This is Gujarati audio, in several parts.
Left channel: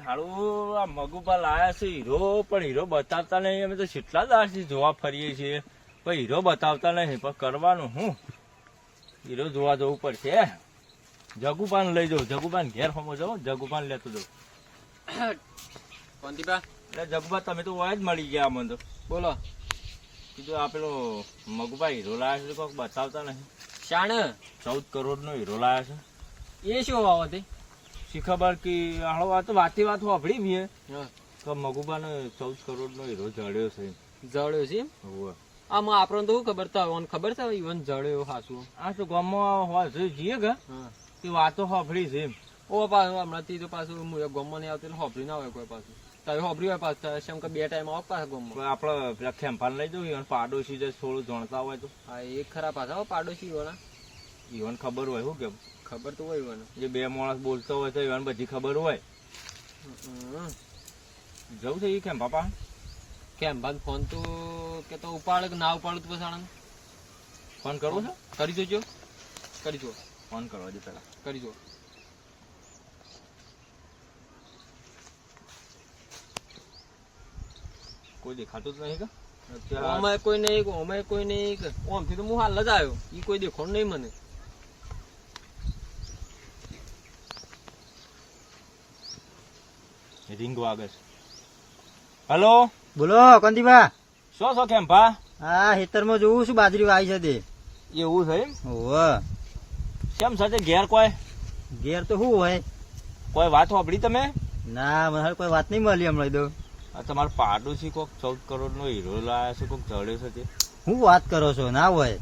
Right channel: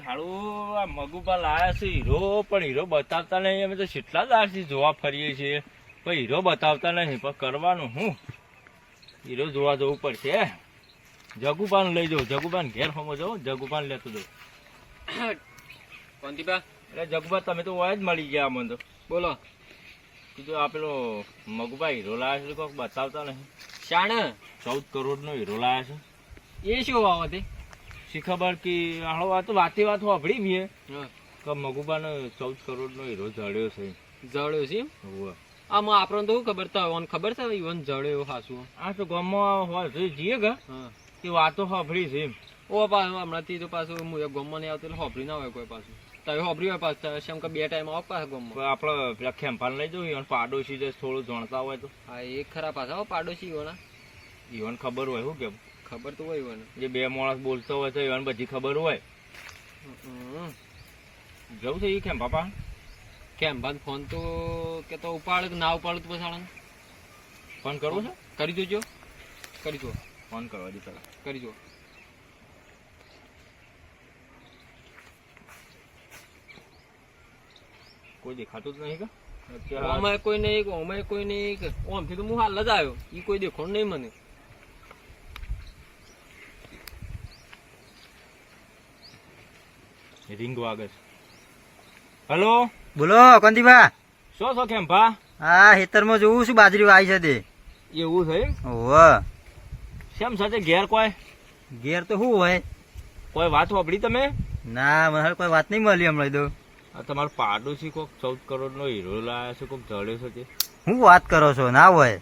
હારું આ મગુપા લાયા છે હીરો, પણ હીરો બતાવતા નહીં. અમે તો કેટલા દાડથી જોવા ફરીએ છીએ, પણ હીરો બતાવતા નહીં. પણ કરવાનું હું, હીરો જોવા જવું પડશે. જગુપાન લઈ જાઉં, જગુપાન ઘેર હોમો જાઉં, જગુપાન લેતો જાઉં. કોંતીબા એટલે જગુપા તમે તો હોય જ મળી ગયા અમને તો. બોલો. કીધું આ પેલો મગુપા હીરો લાયા છે, કોઈક બતાવતા નહીં. શાણ 14 કરોડનો હીરો લાયા છે. એ શું બાબતે? શી ખબર કે હાલો આ તો વાતે વાત વાપરી મેં કે મગુપાને 14 કરોડનો હીરો જડ્યો છે. જળ્યો છે એમ? હોવે. આમાં આપણને તો શું ખબર થાય? ઓન ખબર છે ઈવન જળ્યો હાસું? આ તો ગામમાં હોય જઈએ કે તે વાતો સાંભળી છે એમ. ઓ પાછું હમણાંથી તો પાછું હું ગામમાં નહીં આવતો એટલે હોભરી ના હોય કોઈ પાછું. તમે હોભરી હોય પાછું શેમ કે 2 ટાઈમ આવો પાછા ગામમાં. આપડે પેલા ખેંપાને લઈ જવું, ઈવન પાડોશી જે થોડું જાણતા હોય તો. હા એ ખરા પાછા પાડોશી ઈવન. ઈવન ખબર હોય શું કેમ? ખબર તો હોય ઈવન. જે 2 માણસ બોલતો હોય તો ઈવન બધી ખબર હોય. જવું છે એ ખેંપા પા? કેમ ભાઈ ફોન તો કે તો ઉપાડે કે ના ઉપાડે તો પછી ફોન કરવો છે? કરી દેજો. કરી દો ફોન કરવા દે પેલા. કરી દો. કોઈ દેખાતું જ નહીં કે અમે કોઈ નહીં, અમે કોઈ નહીં. ઓમથી તો હું હાલ જ આવ્યો, એ કોઈ દેખો નહીં મને. રિંગ વાગે છે. હેલો, બોલો કોંતીબા. શું છો ખેંપા? હા ખેતરમાં જોઉં છું, બાજરી વાઈ છે તે. એવું છે એમ? ઓવે. કેમ સાથે ઘેર કોઈ ઘેર તો શું હોય? કોઈ વાત સાંભળી તમે? ના મને હાલ કોઈ વાત નહીં મળી હમણાં તો. આ તમારો પાડોશી કોક 14 કરોડનો હીરો લાયા છે, કોક જડ્યો છે તે. હું વાત કરો છો? ના હોય.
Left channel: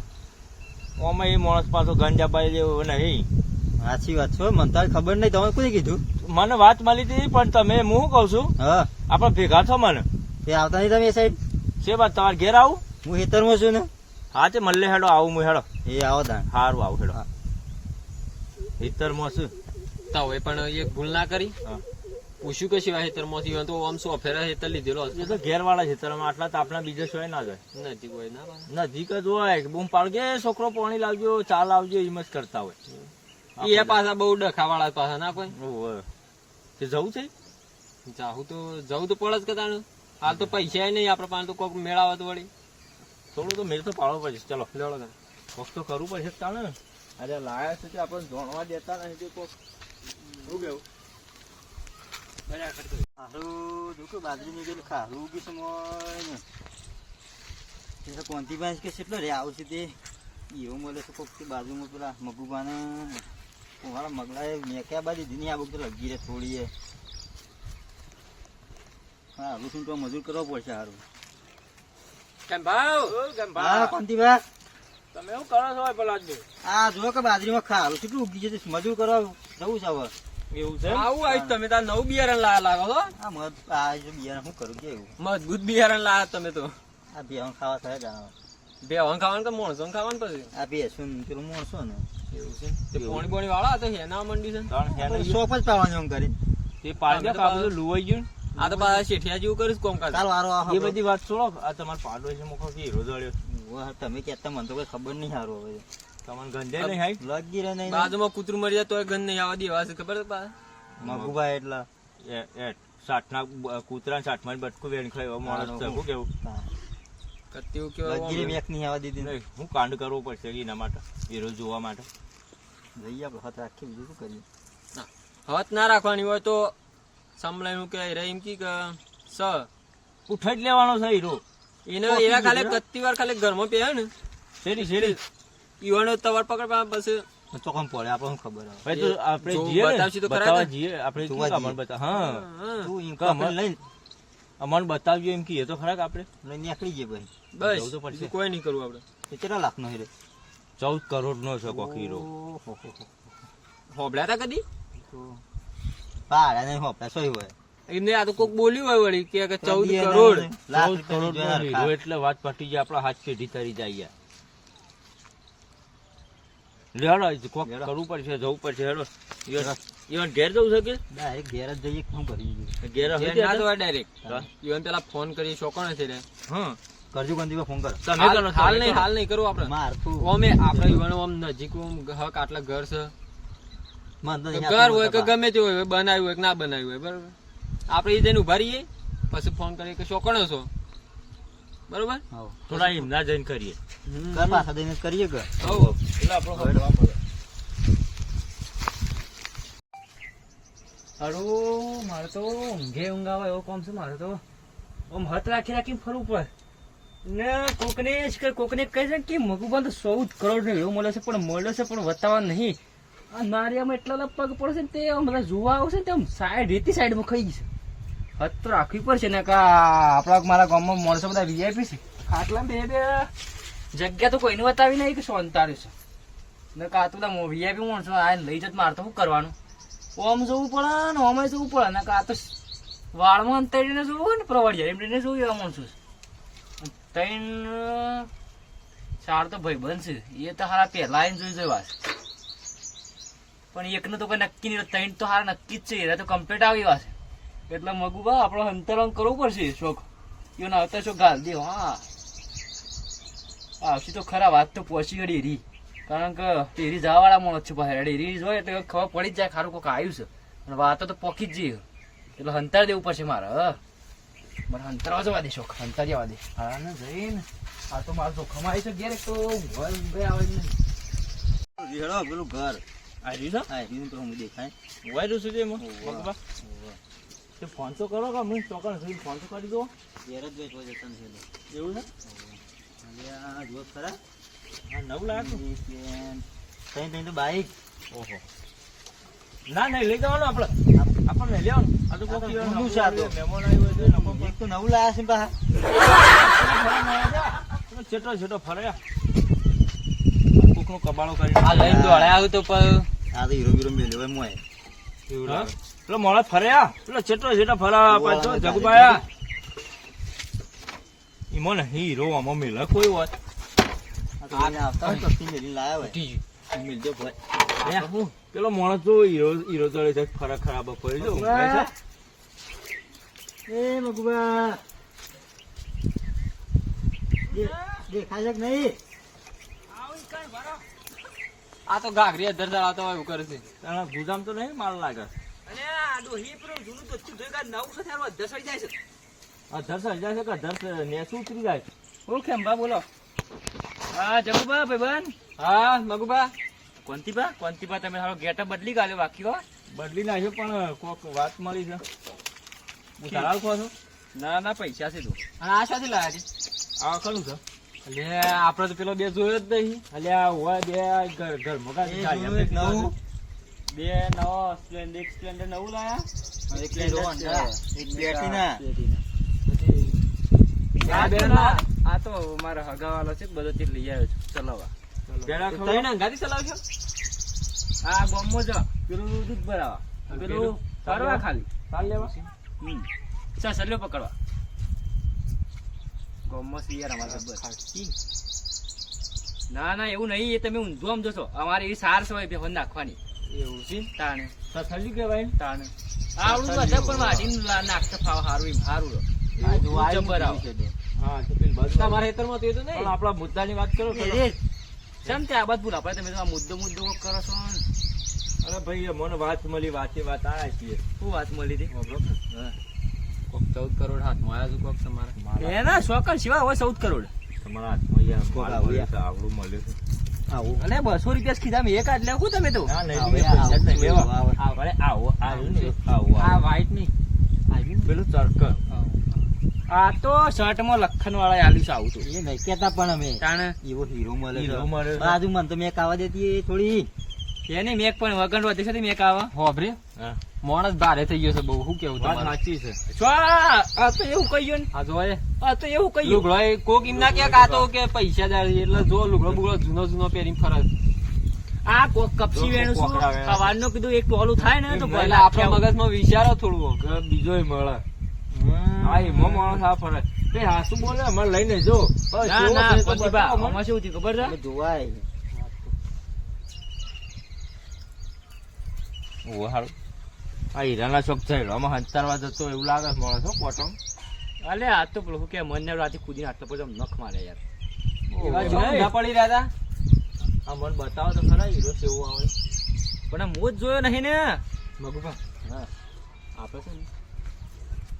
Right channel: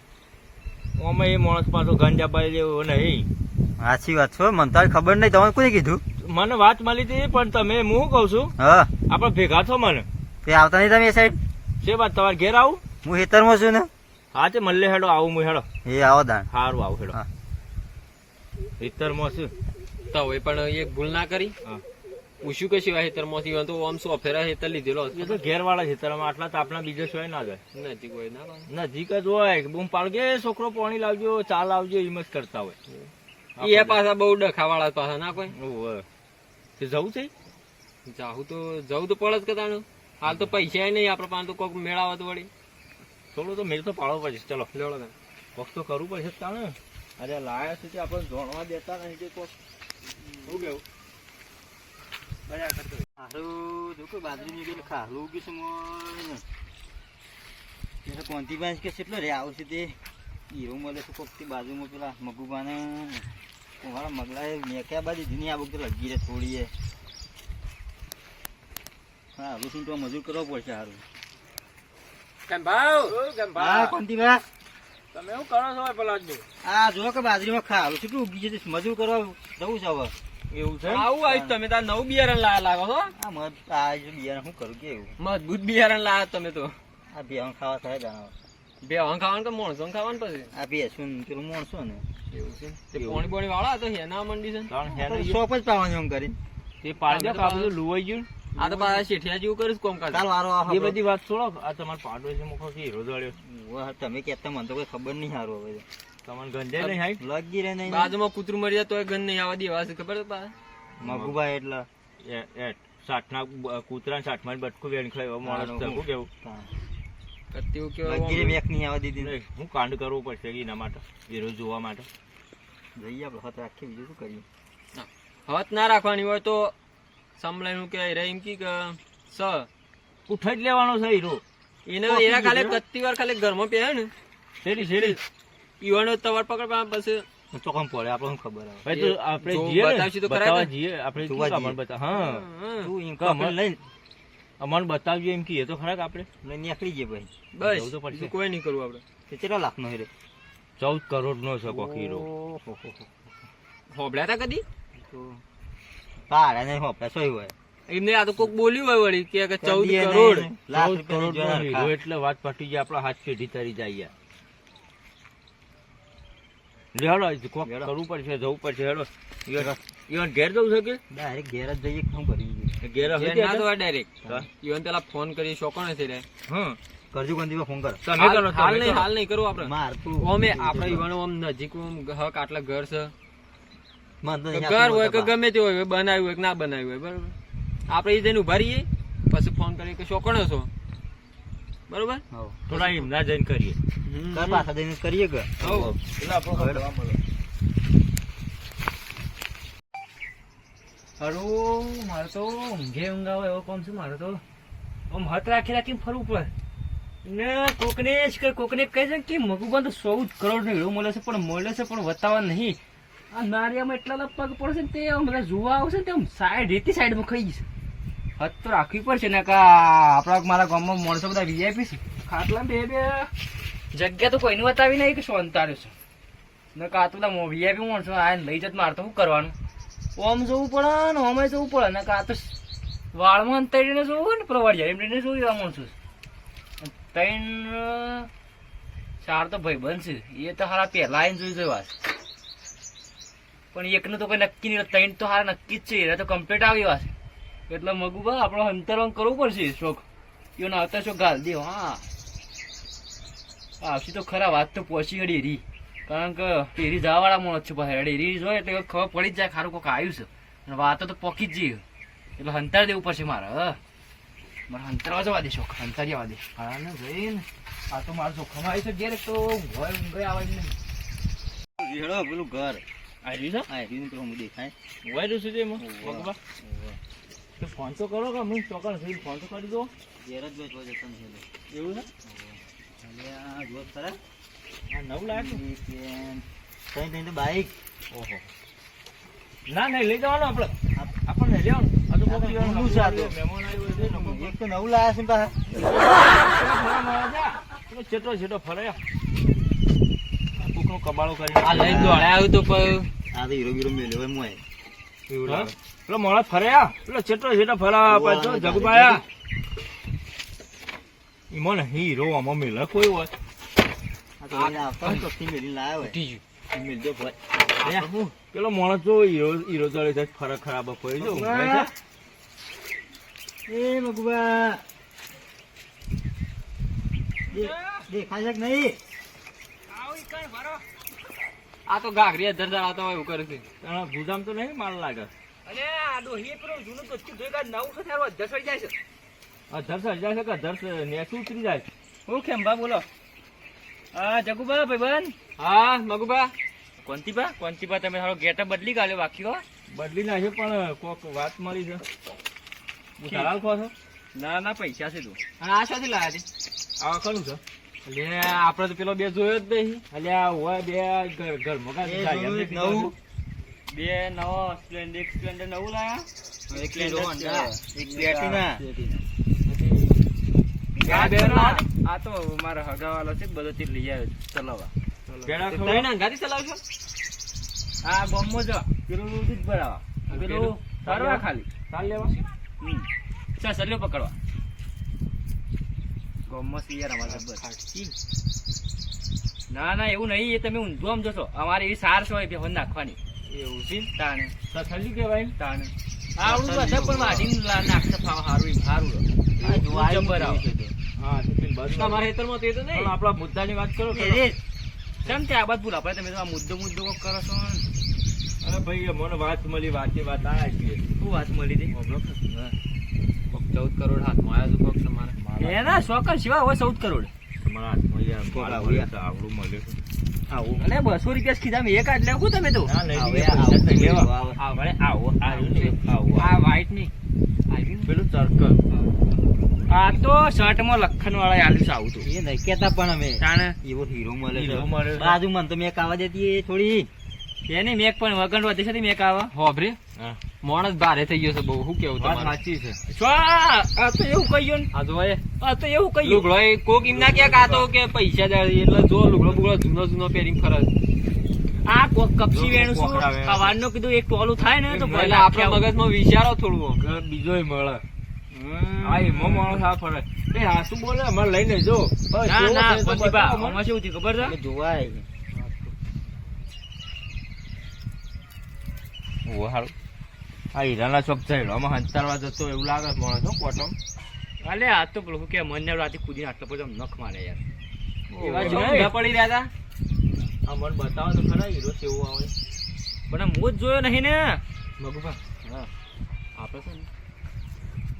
ઓમાં એ માણસ પાછો ગંજાબાઈ જેવો નહીં. સાચી વાત છો, મને તો ખબર નહીં. તમે કોઈ કીધું? મને વાત મળી હતી, પણ તમે હું કઉ છું હા આપડે ભેગા છો મને. તે આવતા નહીં તમે એ સાઈડ? છે વાત તમારે ઘેર આવું? હું ખેતરમાં છું ને. હા તે મલ્લે હેડો આવું હું હેડો. એ આવો તાણ. સારું આવું હેડો. હા. ખેતરમાં છું. તો હવે પણ એક ભૂલ ના કરી. હા. પૂછ્યું કે સિવાય હેતરમાંથી તો આમ શું અફેરા હેતર લીધેલો એ તો ઘેર વાળા ખેતરમાં આટલા તાપના બીજા શોય ના જાય. નજીક હોય ના પાડે. નજીક જ હોય. બૂમ પાડગે છોકરો પાણી લાવજો, ચા લાવજો, એમ જ કરતા હોય. એ પાછા બહુ ડખા વાળા પાછા ના કોઈ. ઓવે. તે જવું છે? જવું તો પડે જ કદાચ. હાલ તો પૈસા નહીં આપડે પાસે, તો કોઈક મેળાવે તો વળી થોડું તો મેળ તો પાડવો પડશે. ચલો લેવડો તાણ. કોક તો કરવું પડશે તાને. અરે લાયા છે તે આપણે જાણવા દેતા નહીં તે કોક. શું કેવું? હારું જો કે બાજરી નીકળેલું ખાલું ઉગી છે મોય. તે કોંતીબા કે કેટલો રે આવશે તે હીરો મળે છે કોક તે બાજુમાં પેલા મગુબાને મારા મગલાએ મેક્યા બાજુ દીની આ બુક તો લગી રે થોડી. હા હવે શું તો મજૂર કરવો પડશે. સારું કેમ ભાવ? હા કોંતીબા. તમે શું કરો છો પલાદજી? આ જો કે બાજરીમાં ખાલું કેટલું ઉગી છે, મજૂર કરવા જવું છે હવે. એવું છે? આવું આવ્યું તમે તાર નવું બિયારણ લાયા લાગો છો. આ મત આ જો બિયારણ શું કરું કે એવું મજબૂત બિયારણ લાયા તમે તો. આ બેહણ ખાવા થાય જાણો. બે વણ ખાવાનું કે મોણસો ખાવાનું પછી આ બેસું પેલું મોણસો ને એવું છે. તે પોણી બોણી વાળા તો હેના મંડી છે. ત્રણ હેને સોપ જ પાવાનું એમ કરી. તે પાડી દે કાબુ લુવાઈ ગયું. આ તો પાછા શેઠિયા જેવું કરીશ કોમકાજ. ચાલ વારો આ એ બધી વાત છોડો. આ તમારો પાડોશી મુખો કે હીરો જડ્યો. વાહ, તમે કહેતા મને તો કોઈ ખબર નહીં. સારું હવે તમને ગંજાય નહીં હાઈ? લગી રે નહીં. બાજુમાં કૂતરું મરી જાય તો ગન નહીં આવવા દેવા છે ખબર છે પાછા. મગુભાઈ એટલા સાઠના કૂતરા 60 માં બટકું વેણ ખાય એવો માણસ છે. શું કેવું? કત્યું લગી રે કેવું મેક નહીં આવવા દીધી. નહીં, હું કાંડ કરવો પડશે એના માટે, હીરો જોવા માટે. જઈએ આપણે હાથ રાખીએ, બીજું શું કરીએ. હત ના રાખવાની હોય તો સંભળાયું કે રે એમ કી કે સ ઉઠાઈ જ લેવાનો છે હીરો. એને એના ખાલી કત્તી વાર ખાલી ઘરમાં પહેરે ને શેરી શેરી ઈવાનો તવર પકડ પછી ચોકમ પડે આપણને ખબર આવે. ભાઈ તો આપણે જો જઈએ ને, બતાવશી તો ખરા બતાવવા ને? જઈએ આપણે. જોવા શું જઈએ. અમન બતા? હા તું એમ કામ કામ લઈ અમન બતાવજો એમ કહીએ તો ખરા કે આપણે લઈને નીકળી જઈએ ભાઈ. બસ જવું તો પડશે. બીજું કોઈ નહીં કરવું આપડે. કેટલા લાખનો હીરો? 14 કરોડનો છે કોક હીરો. ઓહો. હોબળ્યા તા કદી તો પાડે નહીં હોપડા સોય હોય. એમને આ તો કોક બોલ્યું હોય વળી કે 14 કદી કરોડ નહીં. લાખ 14 કરોડનો રૂપિયાની હીરો જોર એટલે વાત પટી જાય. આપણા હાથ પેઢી તરી જાય. હેડો કોક હેડો. કરવું પડશે, જવું પડશે. હેડો ઈવન ઘેર જવું છે કે ડાયરેક્ટ ઘેર જ જઈએ. શું કરીએ? ઘેર ના હવે તો ડાયરેક્ટ ઈવન પેલા ફોન કરી શોકોણ છે રે. હા કરજો કંદીમાં ફોન કર. તમે કરો. હાલ તમે નહીં કરો. હાલ નહીં કરવું આપડે. માર તું ઓમે આપડે ઈવાનો આમ નજીક આમ હક આટલા ઘર છે. મને તો તો ઘર હોય કે ગમે તે હોય બનાવ્યું હોય કે ના બનાવ્યું હોય બરાબર. આપણે એ જઈને ઉભા રહીએ પછી ફોન કરીએ કે ચોકણો છો બરોબર. હવ થોડા એમના જઈને કરીએ. ઘર પાછા જઈને કરીએ ઘર. એટલે આપણો હળવા મળે. હારું મારે તો ઊંઘે ઊંઘ આવે એવો કામ છે મારે તો આમ હાથ રાખી રાખીને ફરવું પડે ને કોકને જ કોકને કહે છે કે મગુબા તો 14 કરોડ નો હીરો મળે છે પણ બતાવવા નહીં. આ નારિયામાં એટલા લપક પડે છે ને તે આમ બધા જોવા આવશે ને તે આમ સાઈડમાં ખાઈ જશે. હાથ તો રાખવી પડશે ને કે આપણા મારા ગામમાં માણસો બધા વીઆઈપી છે ખાટલા બે જગ્યા તો કોઈને બતાવી નહીં કે સોંતાર્યું છે ને કા તો બધા વીઆઈપી માણસો આ લઈ જત મારે તો શું કરવાનું. ઓમ જવું પડે ને ઓમે જવું પડે ને કાં તો વાળમાં અંતરીને જોવું ને પ્રવાડિયા એમને જોયું એવા માણસો ત્રણ ચાર તો ભાઈ બનશે એ તો હારા પહેલા આવીને જોઈ જવા પણ એકનું તો કોઈ નક્કી નહીં ત્રણ તો હારા નક્કી જ છે એ તો કમ્પ્લીટ આવી વાત એટલે મગુબા આપણો અંતરંગ કરવું પડશે શોખ એનો આવતા શોખ ગાલ દે. હા આવશે તો ખરા વાત તો પહોંચી ગઈ ડેરી કારણ કે ડેરી જવાવાળા માણસ છે પાસે ડેરી જોઈએ એટલે ખબર પડી જ જાય ખારું કોઈક આવ્યું છે અને વાતો તો પોકી જ જઈએ એટલે હંતાર દેવું પડશે મારે. મારે હંતારવા જવા દેશો હંતારી આવવા દે હા ને જઈને આ તો મારે જોખમ આવી છે ઘેર તો ઊંઘે આવે નહીં. હેડો પેલું ઘર આવી છે આ રીન તો હું દેખાય. વાયરું છે એમાં મગુબા તો ફોન તો કરો કે હું ચોકણ થઈ ફોન તો કરી દો. ઘેર જ બેઠો જતો ને હેલો. એવું છે અલ્યા જો ખરા હા 9 લાખ તઈ તો બાઈક. ઓહો ના નહીં લઈ જવાનું આપણને લેવાનું આ તો કોક ઊંધું છે આ તો. મહેમાન આવ્યો છે નકો એક તો નવું લાયા છે પાછા. છેટો ફરે કોકનું કબાળો કરી આ લઈને દોડ્યા આવ્યું તો પણ આ તો હીરો વીરો મેલ્યો હોય મોય. એવું લાગે પેલો મોળા ફર્યા પેલો છેટો ફરા પાછો જગુબાયા ઈમો ને હીરો આમાં મેલે કોઈ હોય આ તો લઈને આવતા હોય તો મેલીને લાયા હોય. ઉઠી ગયું. મેલજો ભાઈ. પેલો માણસ જો હીરો ચડે છે ફરક ખરાબ પડી જો એ મગુબા દેખાય છે કે નહીં? આ તો ગાગરી અધર આવતા હોય એવું કરે છે. ગુજામ તો નહીં માલ લાગે અને આ ડોહી પેલું જૂનું તો ભેગા નવું છે ત્યારે દસડી જાય છે. અધર સર્જાય છે કે અધર નેસ ઉતરી જાય છે. હું ખેંભા બોલો હા જગુબા ભાઈબંધ હા મગુબા કોંતીબા તમે સારો ગેટઅપ બદલી ગાલ્યો બાકી હો. બદલી નાખ્યો પણ કોક વાત મળી છે ઉતારાલ ખો છો ના પૈસા છે તું અને આ શાથી લાયા છે? આ કનું છે એટલે આપડે તો પેલો બે જોયો જ નહીં. અલ્યા હોય બે ઘર મગા એ જૂનું એક નવું. બે નવો સ્પ્લેન્ડર નવું લાયા એક હીરો હોન્ડા, એક પ્લેટિના. આ બે ના આ તો મારો હગાવાલો છે બધો તે લઈ આવ્યો છું ચલાવવા. પેડા તમે ખવડાવ અંગાથી ચલાવશો? આ ગોમો જ પેલું દૂધ ભરાવા પેલું ફરવા ખાલી ચાલ લેવા સલ્યો પકડવા ગોમો યાર અમારે ના એવું નહીં એ તમે ઊંધું આમ જશો અમારે એવી સાર છે બે હોન નાખવાની એવું છે તાણે સલ્લી કહેવાય ને તાણે આવડું બધા પણ વાટીને નાખતા ફાવ હારું હારું આ જો આ જબ્બર એવું આવે. છે તો. હા તો પેલી બાજુ તમારા ખેતરમાં તો એ તો પણ નહીં. આપણા મુદ્દાની વાત કરો એ રે, કેમ તે આ બાદ ભૂલ આપણે તમે તો આ મુદ્દો કોક કરો છો ને. અરે ભાઈ મને વાત મળી વાત આ છીએ શું વાત મળી હતી કોક 14 કરોડ હાથમાં આવ્યા છે કોક તમારે. એના શોકર સિવાય હોય 14 કરોડ તમારા હાથમાં યાર કોક માલ આવું મળ્યું યાર. છે, આવડું મળ્યું છે. આવું. અને 200 રૂપિયા ખીધા મેં એક આજ લેવું તમે તો ના નહીં આવું પૈસા આવું જ નહીં લેવા. આવું. આવડે આવો આવ્યું ને આવું આ વ્હાઈટ નહીં પેલું સર્કલ આ તો શર્ટમાં લખન વાળા આલ્યું છે આવું તો એ નહીં કેતા પણ અમે તાણે એવો હીરો મળે છે. હીરો મળે છે. બાજુ મને તો મેં કાવા દેતી એ થોડી. એની મેક પણ વગર વધે છે મેક આવા હોભરી હા માણસ ભારે થઈ ગયો છે બહુ. શું કેવું વાત તમારે? સાચી છે આ તો એવું કહ્યું આ જો એ આ તો એવું કહ્યું લુગડો એ કોક એમ ના કે આ તો કે પૈસા જાય એટલે જો લુગડો બુગડો જૂનો પહેરીને ફરજ. આ કોક કપસી વેણું શું કોકરા વેણું. સવારનું કીધું એક ટોલું થાય ને તો એટલે આપણા મગજમાં વિચારો થોડું. બીજોય મળે હા એમાં માણસ આ ફરે એ હા શું બોલે અમારે લઈને જો બસ ના એવો ના છે તો કોંતીબા, બતાવો મને. આમાં શું થયું ખબર છે એટલે જોવાય. ઓહો, હારું. આ હીરાના ચોક થયેલો આમાં હંતારવા જતો એવું લાગે છે માણસ હો કોટમ અલે આ તો પેલું શું કે મને રાતે કૂદીને આટલો બધો નખ મારે યાર એવા ઓહો. જો ઊંધા પડી રહ્યા હતા. આ મને બતાવો તો ખરા હીરો કેવો આવે પણ હું જ જોયો નહીં ને મગુભા હા આપણે છે ને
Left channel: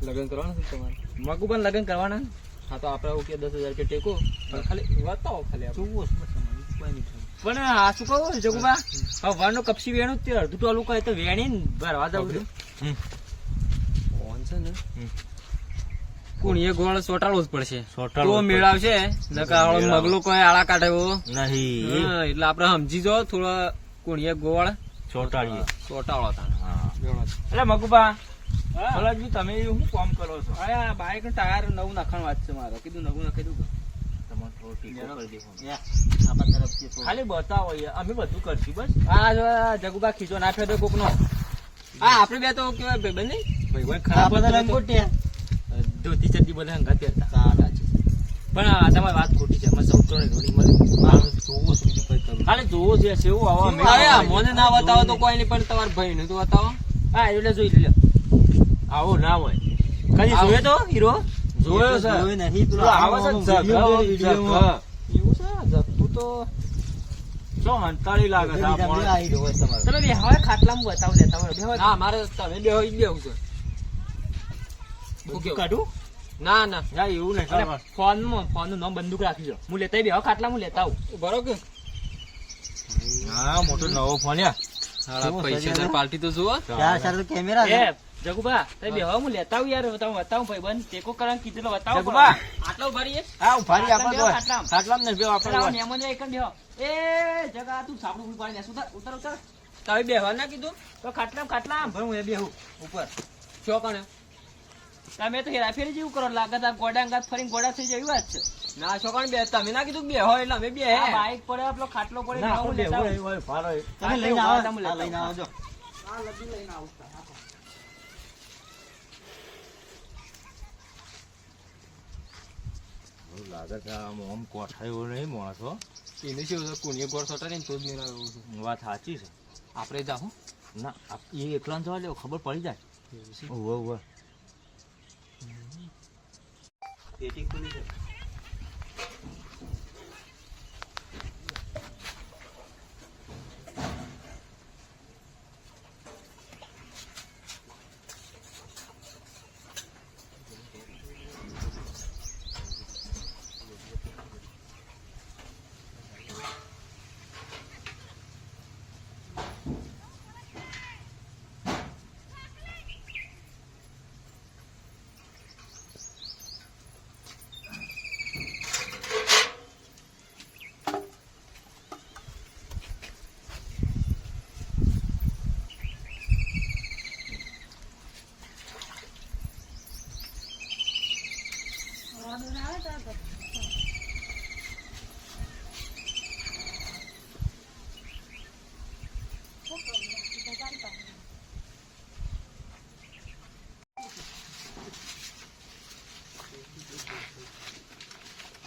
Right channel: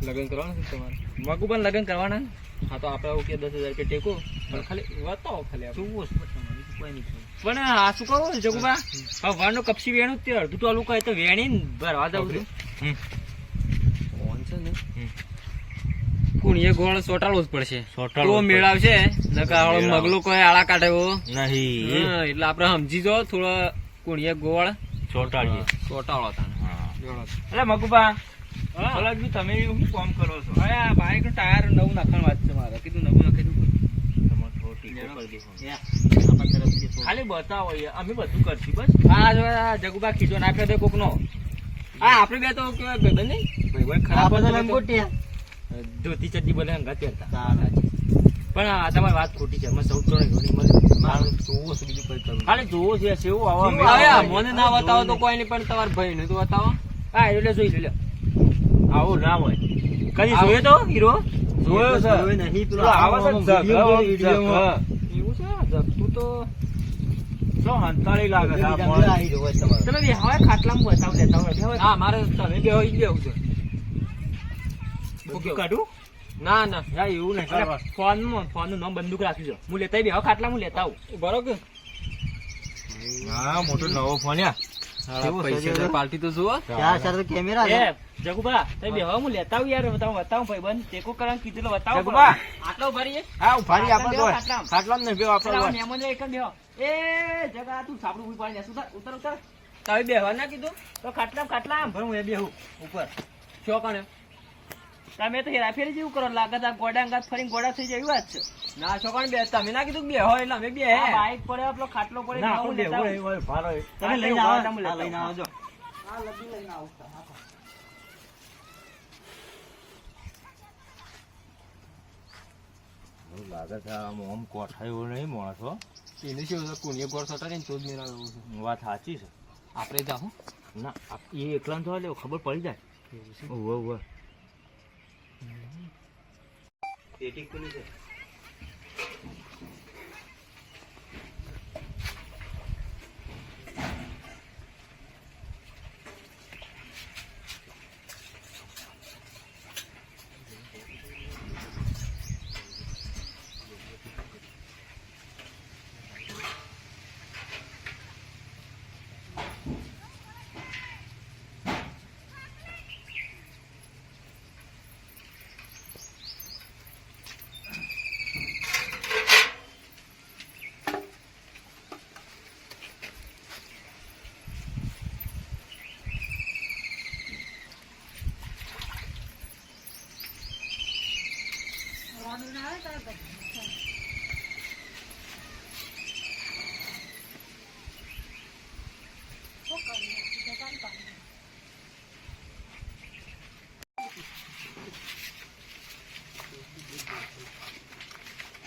લગ્ન કરવાનું છે તમારે? મગુબાન લગ્ન કરવાના. હા તો આપણે ઓકે 10,000 રૂપિયા ટેકો પણ ખાલી બતાવો ખાલી આપણે. પણ આ શું કહું જગુબા, હવે વારનો કપસી વેણું જ તે અડધું ટોલું કહે તો વેણી ને ભરવા દઉં છું. ફોન છે ને કુણીએ ગોળ સોટાડવો જ પડશે. સોટાડવો તો જ મેળાવશે નકા આવડો મેળાવ. મગલો કોઈ આળા કાઢે એવો નહીં હા, એટલે આપણે સમજી જો થોડો કુણીએ ગોળ ચોટાડીએ. સોટાડો તાણ. હા જોડો. એટલે મગુબા ભલાજી તમે શું કામ કરો છો? હવે આ બાઈક નું ટાયર નવું નાખવાની વાત છે મારે. કીધું નવું નાખી દઉં. તમારે થોડો ટીકો કરી દેવાનો. આપણા તરફથી થોડું. ખાલી બતાવો યાર, અમે બધું કરશું બસ. આ જો આ જગુબા ખીચો નાખ્યો તો કોક નો. હા આપણે બે તો કેવાય ભાઈબંધ નહીં ભાઈ આપણે તો ખરાબ લંગોટિયા. ધોતી ચડ્ડી બને હંગાત પહેરતા. ચાલો. પણ આ તમારી વાત ખોટી છે. મને સૌ ઘણી મળે મારું જોવું છે, બીજું કઈ કરવું. ખાલી જોવો છે સેવું આવો અમે હવે આ મને ના બતાવો તો કોઈ નહીં પણ તમારા ભાઈ ને તો બતાવો. હા એટલે જોઈ લે. આવો ના હોય. કદી જોયો તો હીરો? જોયો છે. જોયો નહીં. પેલો આવે છે ને વિડીયોમાં. એવું છે જગતું તો જો હંતાળી લાગે છે આ વિડીયો માણસ. આવી રહ્યો હોય તમારો. તમે બે હવે ખાટલામાં બતાવ લેતા હોય. બે હવે ના મારે તમે બે હોય બેવું છે. બધું કાઢું? ના ના ના એવું નહીં અને કરવાનું. ફોન નું નામ બંદૂક રાખી દો. હું લેતા બે ખાટલા હું લેતા આવું. બરોબર. હા મોટો નવો ફોન યાર. હાલા પૈસા પાર્ટી તો જુઓ. ચાર ચાર તો કેમેરા છે. એ જગુબા તમે બે હું લેતા આવું યાર. તમે બતાવું ભાઈ બંધ ટેકો કરવાનું કીધું એટલે બતાવો. જગુબા. આટલો ભરીએ. હા ઉભારી આપો તો ખાટલામાં. ખાટલામાં નહીં બેહો આપણે હોય. મહેમાન એક જ બેહો. એ જગા તું સાપડું ઉભી પાડી દે. ઉતર ઉતર. તમે બેહવા ના કીધું તો ખાટલામાં ભાઈ હું એ બેહું ઉપર. શો કણે તમે તો હેરાફેરી જેવું કરો. લાગત આ ગોડા અંગાત ફરીને ગોડા થઈ જાય એવી વાત છે. ના શો કણે બે તમે ના કીધું કે બેહો એટલે અમે બે આ બાઈક પડે આપણો ખાટલો પડે ના હું આપણે લેતા બેહવું આવું. નહીં હોય, ભારો હોય. તમે આ લઈને તો આવો. તમે લેતા આ લઈને આવો. આવજો. આ લગી લઈને આવું છું. હા. એવું લાગે છે આમ આમ કોઠાયો નહીં માણસ હો. એને શું કોણીએ ગોળ સોટાડી ને તો જ મેળાવે એવું છે. વાત સાચી છે. આપણે જાહું ના એ એકલા જવા લેવો ખબર પડી જાય. એવું છે. ઓવે ઓવે. પેટી ખુલી છે.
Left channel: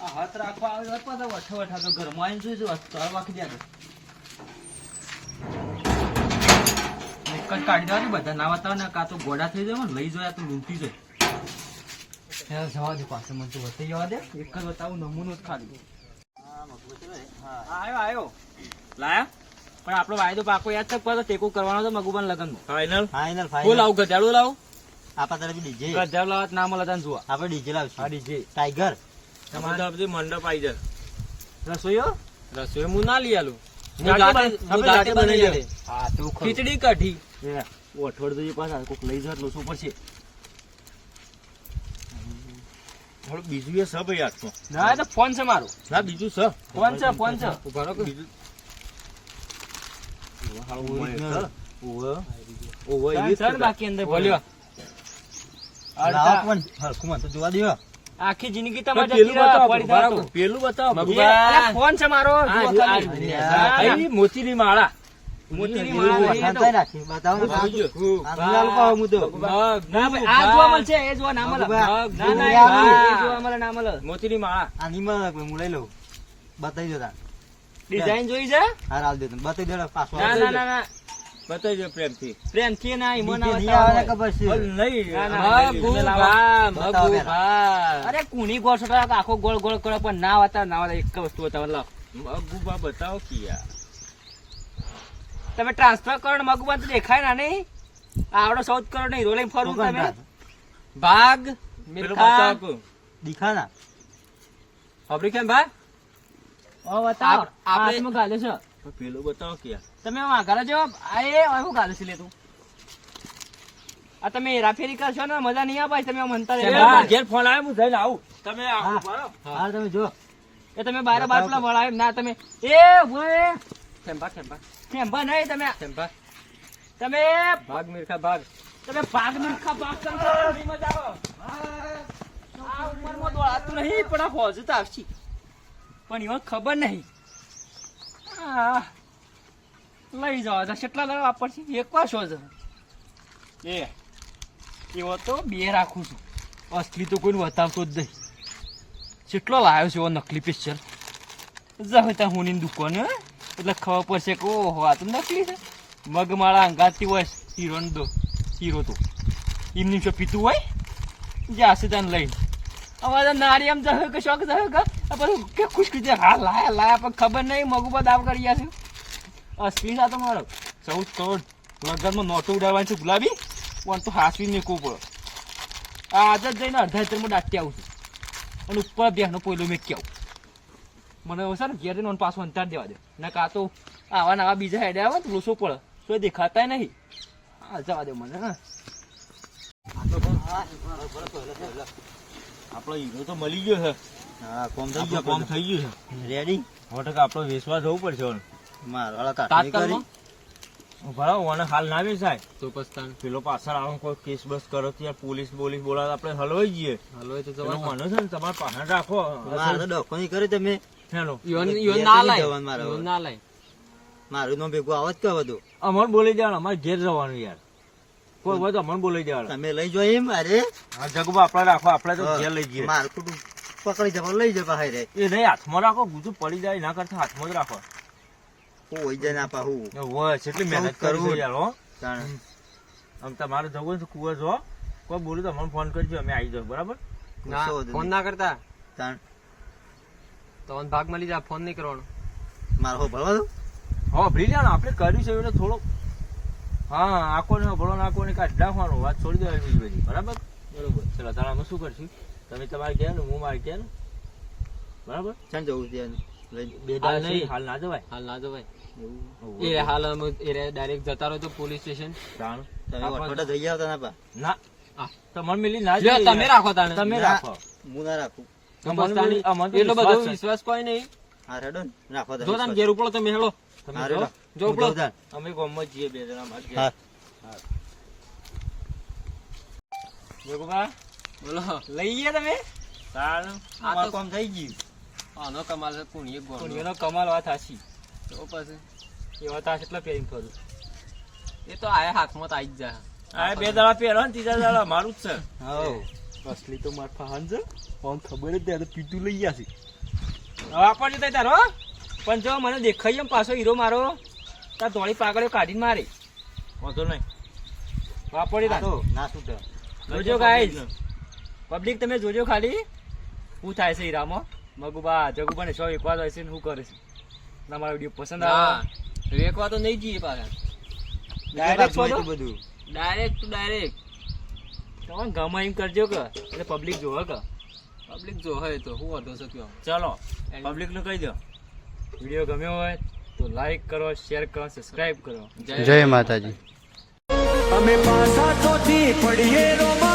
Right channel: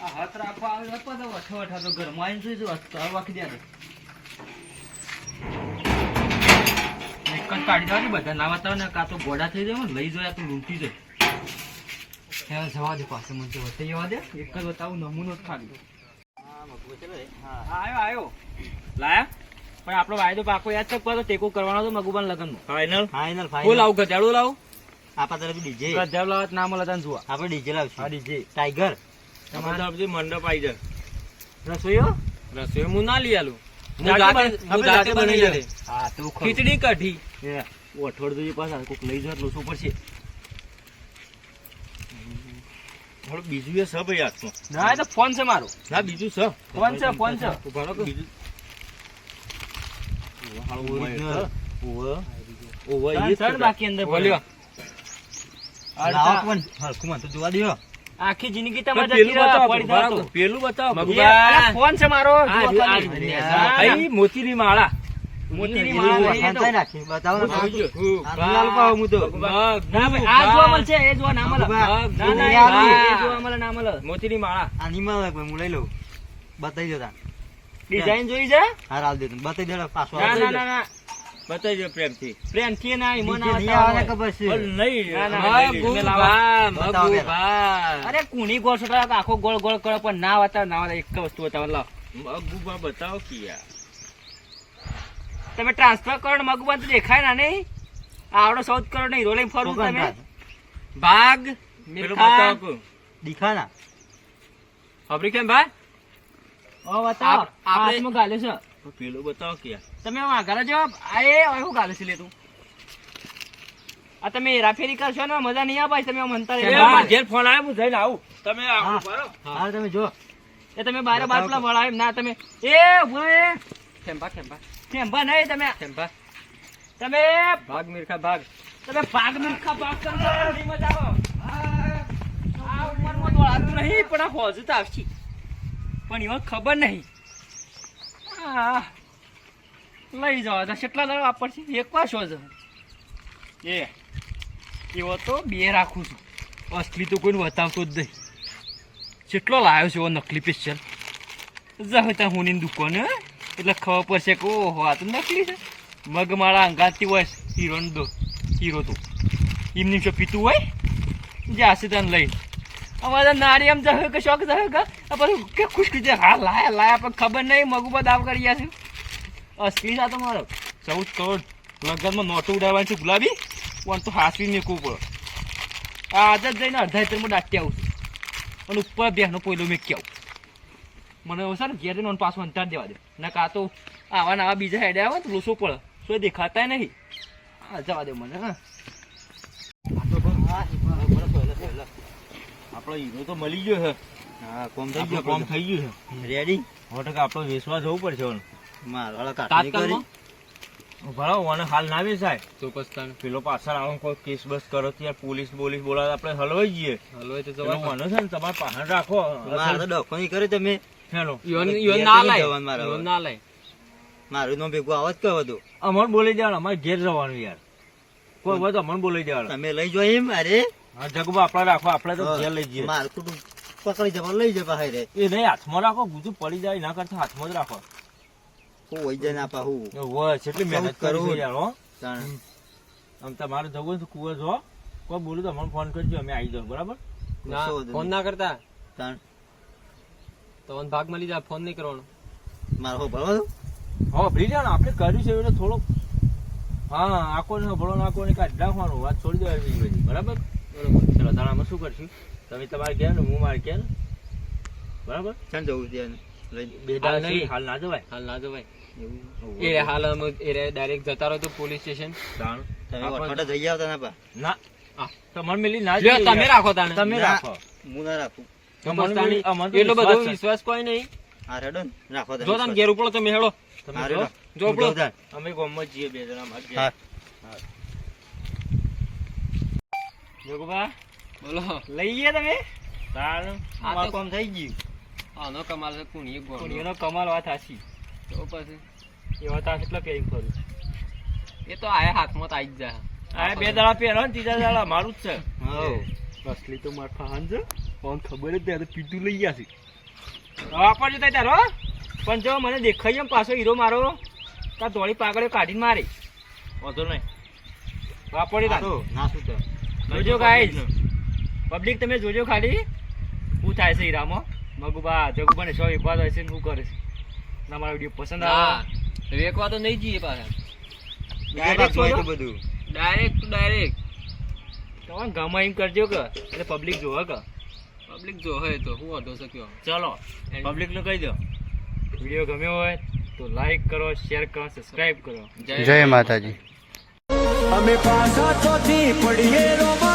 આ હાથ રાખવા આવે તો પાછા વઠો વઠા તો ઘરમાં આવીને જોઈ જો વાખી દે. એક જ કાઢી દેવાની બધા ના બતાવે ને કાં તો ગોડા થઈ જાય ને લઈ જાય તો લૂંટી જાય. જવા દે પાસે મને વટાઈ જવા દે. એક જ બતાવું નમૂનો જ ખાલી. હા મગવો ચલો રે. હા. આવ્યો લાયા. પણ આપણો વાયદો પાકો યાદ છે. પાછો ટેકો કરવાનો તો મગુબાન લગનમાં. ફાઇનલ. ફાઇનલ હું ફાઇનલ. લાવું ગજાડું લાવું આપણા તરફથી ડીજે. ગજાવ લાવત ના મળે તને જોવા. આપણે ડીજે લાવશું. આ ડીજે ટાઈગર. તમારા તરફથી મંડપ આવી જાય. રસોઈયો રસોઈ હું ના લઈ આલું હું આપણે જાતે જાતે બનાવી બનાવી લે. હા તો ખીચડી કઢી અઠવાડ જોઈએ પાછા કોક લઈ જાય લોસું પડશે. થોડું બીજું એ છે ભાઈ હાથમાં. ના એ તો ફોન છે મારો. ના બીજું છે. ફોન છે ફોન છે. ઉભા રહો કે. બીજું Original. ઓવે ઓવે એ ત્રણ ત્રણ બાકી અંદર બોલ્યો. લાવો પણ હરખું મને તો જોવા દ્યો. આખી જિંદગી તમારે પેલું જતી રહે, બતાવો, પડી બરાબર. જતો. પેલું બતાવો. મગુબા. અલા, ફોન છે મારો આ જુઓ રહ્યું, ખાલી. આ રહ્યું. ના, ના. અહીં મોતીની માળા. મોતીની એવું માળા નહીં એ વખાણ તો. થાય નાખી. બતાવો ને. આ લાલ પાવ હું તો. ના ભાઈ, આ જોવા મળશે એ જોવા ના મળે. મગુબા. ના ના મગુબા. એ જોવા મળે ના મળે. મોતીની માળા. આ નહીં મળે કોઈ, હું લઈ લઉં. બતાવી દો તાર. ડિઝાઇન જોઈ છે? હા રાલ દે તને. બતાવી દે પાછો ના આવે. ના ના ના બતાવી દો પ્રેમથી. પ્રેમથી ના ઈમો ના ડીજે નહીં આવે ને બતાવો. ખબર છે. પણ નહીં. ના, ના, અમે લઈ લઈએ. મગુબા બતાવો મગુબા અરે કુણી ગોળ છોટા આખો ગોળ ગોળ કરે પણ ના બતાવે ના બતાવે. એક જ વસ્તુ બતાવો લાવ. મગુબા બતાવો કે યાર. તમે ટ્રાન્સફર કરો ને મગુબા તો દેખાય ના નહીં. આવડો 14 કરોડ નો હીરો લઈને ફરું છોકરાને તમે. થાય. ભાગ પેલું મિલખા બતાવો કો. દીખાના હોભરી કેમ ભાઈ ઓ બતાવો આપણે- હાથમાં ગાલ્યો છે પણ પેલું બતાવો કે યાર. તમે વાઘારા જેવા આ એ શું ગાલ્યો છે લે તું આ તમે હેરાફેરી કરશો ને મજા નહીં આવે તમે આમ અંતર એ મારા ઘેર ફોન આવ્યો હું જઈને આવું તમે આવો હા. બરાબર હા તમે જો એ તમે બારે બાર પેલા વળાય એમ ના તમે એ ભોય ખેંભા ખેંભા ખેંભા નહીં તમે ખેંભા તમે ભાગ મિલખા ભાગ તમે ભાગ મિલખા ભાગ કરો નહીં મજા આવે આ ઉંમરમાં દોડાતું નહીં પણ આ હોજુ તો આવશે પણ એમાં ખબર નહીં આ લઈ જાવ તો કેટલા દાડા વાપરશે એક વાર શો છે એ એવો તો બે રાખું છું અસલી તો કોઈને બતાવતો જ નહીં કેટલો લાવ્યો છે એવો નકલી પિક્ચર જાવ ત્યાં હુની દુકાન હે એટલે ખબર પડશે કે ઓહો આ તો નકલી છે મગ માળા અંગાતી હોય હીરો તો એમની શું પીતું હોય જાશે તને લઈને અમારે નારી એમ જશે કે શોખ જશે કે આ બધું કે ખુશ કરી દે હા લાયા પણ ખબર નહીં મગુબા દાવ કરી ગયા છે અસલી છે આ તો મારો 14 કરોડ લગનમાં નોટો ઉડાવવાની છે ગુલાબી પણ તો હાસવી મેકવું પડે આ આજ જ જઈને અડધા હેતરમાં દાટી આવું છું અને ઉપર બેસનો પોયલો મેકી આવું મને એવું છે ને ઘેર જઈને પાછું અંતાર દેવા દે ને કાં તો આવા નવા બીજા હેડે આવે તો લોસો પડે તો દેખાતા નહીં હા જવા દે મને હા આ તો પણ હા બરાબર આપણો હીરો તો મળી ગયો છે હા કોમ થઈ આપણું ગયો કામ થઈ ગયું છે રેડી સો ટકા આપણો વિશ્વાસ જવું પડશે હવે. મારવાળા કાઢી કરી તાત્કાલમાં બરાબર મને હાલ ના બેસાય તો પસ્તાન પેલો પાછળ આવો કોઈ કેસ બસ કરો તો યાર પોલીસ બોલાવે આપણે હલવાઈ જઈએ હલવાય તો પેલો જવાય મને છે ને તમારે પાછળ રાખો મારે તો ડખો નહીં કર્યો તમે હેલો ઈવન ઘેર ના તો લાય જવાનું મારે હવે. ઈવન ના લાય મારું નો ભેગું આવો જ કહો બધું અમર બોલી દેવાનું અમારે ઘેર જવાનું યાર કોઈ હોય તો અમર બોલી દેવાનું તમે લઈ જો એમ અરે હા જગબા આપણે રાખો આપણે તો ઘેર લઈ જઈએ મારું કુટુંબ પકડી જવા લઈ જવા હાય રે એ નહીં હાથમાં રાખો ગુજુ પડી જાય ના કરતા હાથમાં જ રાખો હું હોય જાય ના પાહું હોય કેટલી મહેનત કરું. કરું યાર હો તાણ. આમ તમારે જવું હોય તો કુંવર જો કોઈ બોલું તો અમને ફોન કરજો અમે આવી જાવ બરાબર ના કશો વાંધો ફોન નહીં. ના કરતા તાણ. તમને ભાગ મળી જાય ફોન નહીં કરવાનો મારે હો ભરવા દો હા ભરી જાય ને આપણે કર્યું છે એટલે થોડોક હા આખો ને ભળો નાખો ને કાઢી નાખવાનું વાત છોડી દેવાની બીજી બધી બરાબર બરોબર ચલો દાડામાં શું કરશું તમે તમારે ઘેર ને હું મારે ઘેર બરાબર ચાલ જવું છે એને લઈ બે હાલ દાડા નહીં. હાલ ના જવાય હાલ ના જવાય એવું એ હાલ એ ડાયરેક્ટ જતા રહો તો પોલીસ સ્ટેશન દાણ તમે વટવટા જઈ આવતા ના પા ના હા. તમારે મિલી ના લ્યો, જોઈએ તમે યાર. રાખો તાણે તમે ના. રાખો હું ના રાખું તો અમને બસ તાણે અમને તો એટલો બધો વિશ્વાસ છે. વિશ્વાસ કોઈ નહીં હા રેડો ને રાખો તમે જો તમે ઘેર ઉપડો તમે હેડો તમે હા, જો રેડો. જો હું ઉપડો જાઉં તાણ. અમે ગામમાં જઈએ બે જણા મારે ઘેર. હા. જોગુબા બોલો લઈ ગયા તમે તાણ આ અમારું તો- કામ થઈ ગયું આનો કમાલ છે કોણ એક પણ ગોળ એનો કમાલ વાત હાસી તો પછી એવા તાસ એટલા પહેરી ફરું એ તો આયા હાથમાં તો આવી જ જાય આ બે દાડા પહેરો ને ત્રીજા દાડા મારું જ છે હઉ. અસલી તો માર ફાન છે પણ ખબર જ ત્યારે પીતું લઈ ગયા છે વાપરજો તઈ તારો પણ જો મને દેખાય એમ પાછો હીરો મારો તાર ધોળી પાગળીઓ કાઢીને મારી વાંધો નહીં વાપરી હા તાર તો, ના શું થાય. જોજો ગાઈસ પબ્લિક તમે જોજો ખાલી શું થાય છે હીરામાં મગુબા જગુબા શો એક વાત હોય છે ને શું કરે છે ના મારો વિડીયો પસંદ આવે ના રેકવા તો નહીં જઈએ પાછા ડાયરેક્ટ બીજું શોધો? કાંઈ બધું ડાયરેક્ટ ટુ ડાયરેક્ટ તમે ગમે એમ કરજો કે એટલે પબ્લિક જોવે કે પબ્લિક જો હોય તો હું વાંધો છે કયો ચલો પબ્લિક નું કહી દો વિડીયો ગમ્યો હોય તો લાઈક કરો શેર કરો સબસ્ક્રાઇબ કરો જય માતાજી અમે પાછા ચોથી પડીએ રોમા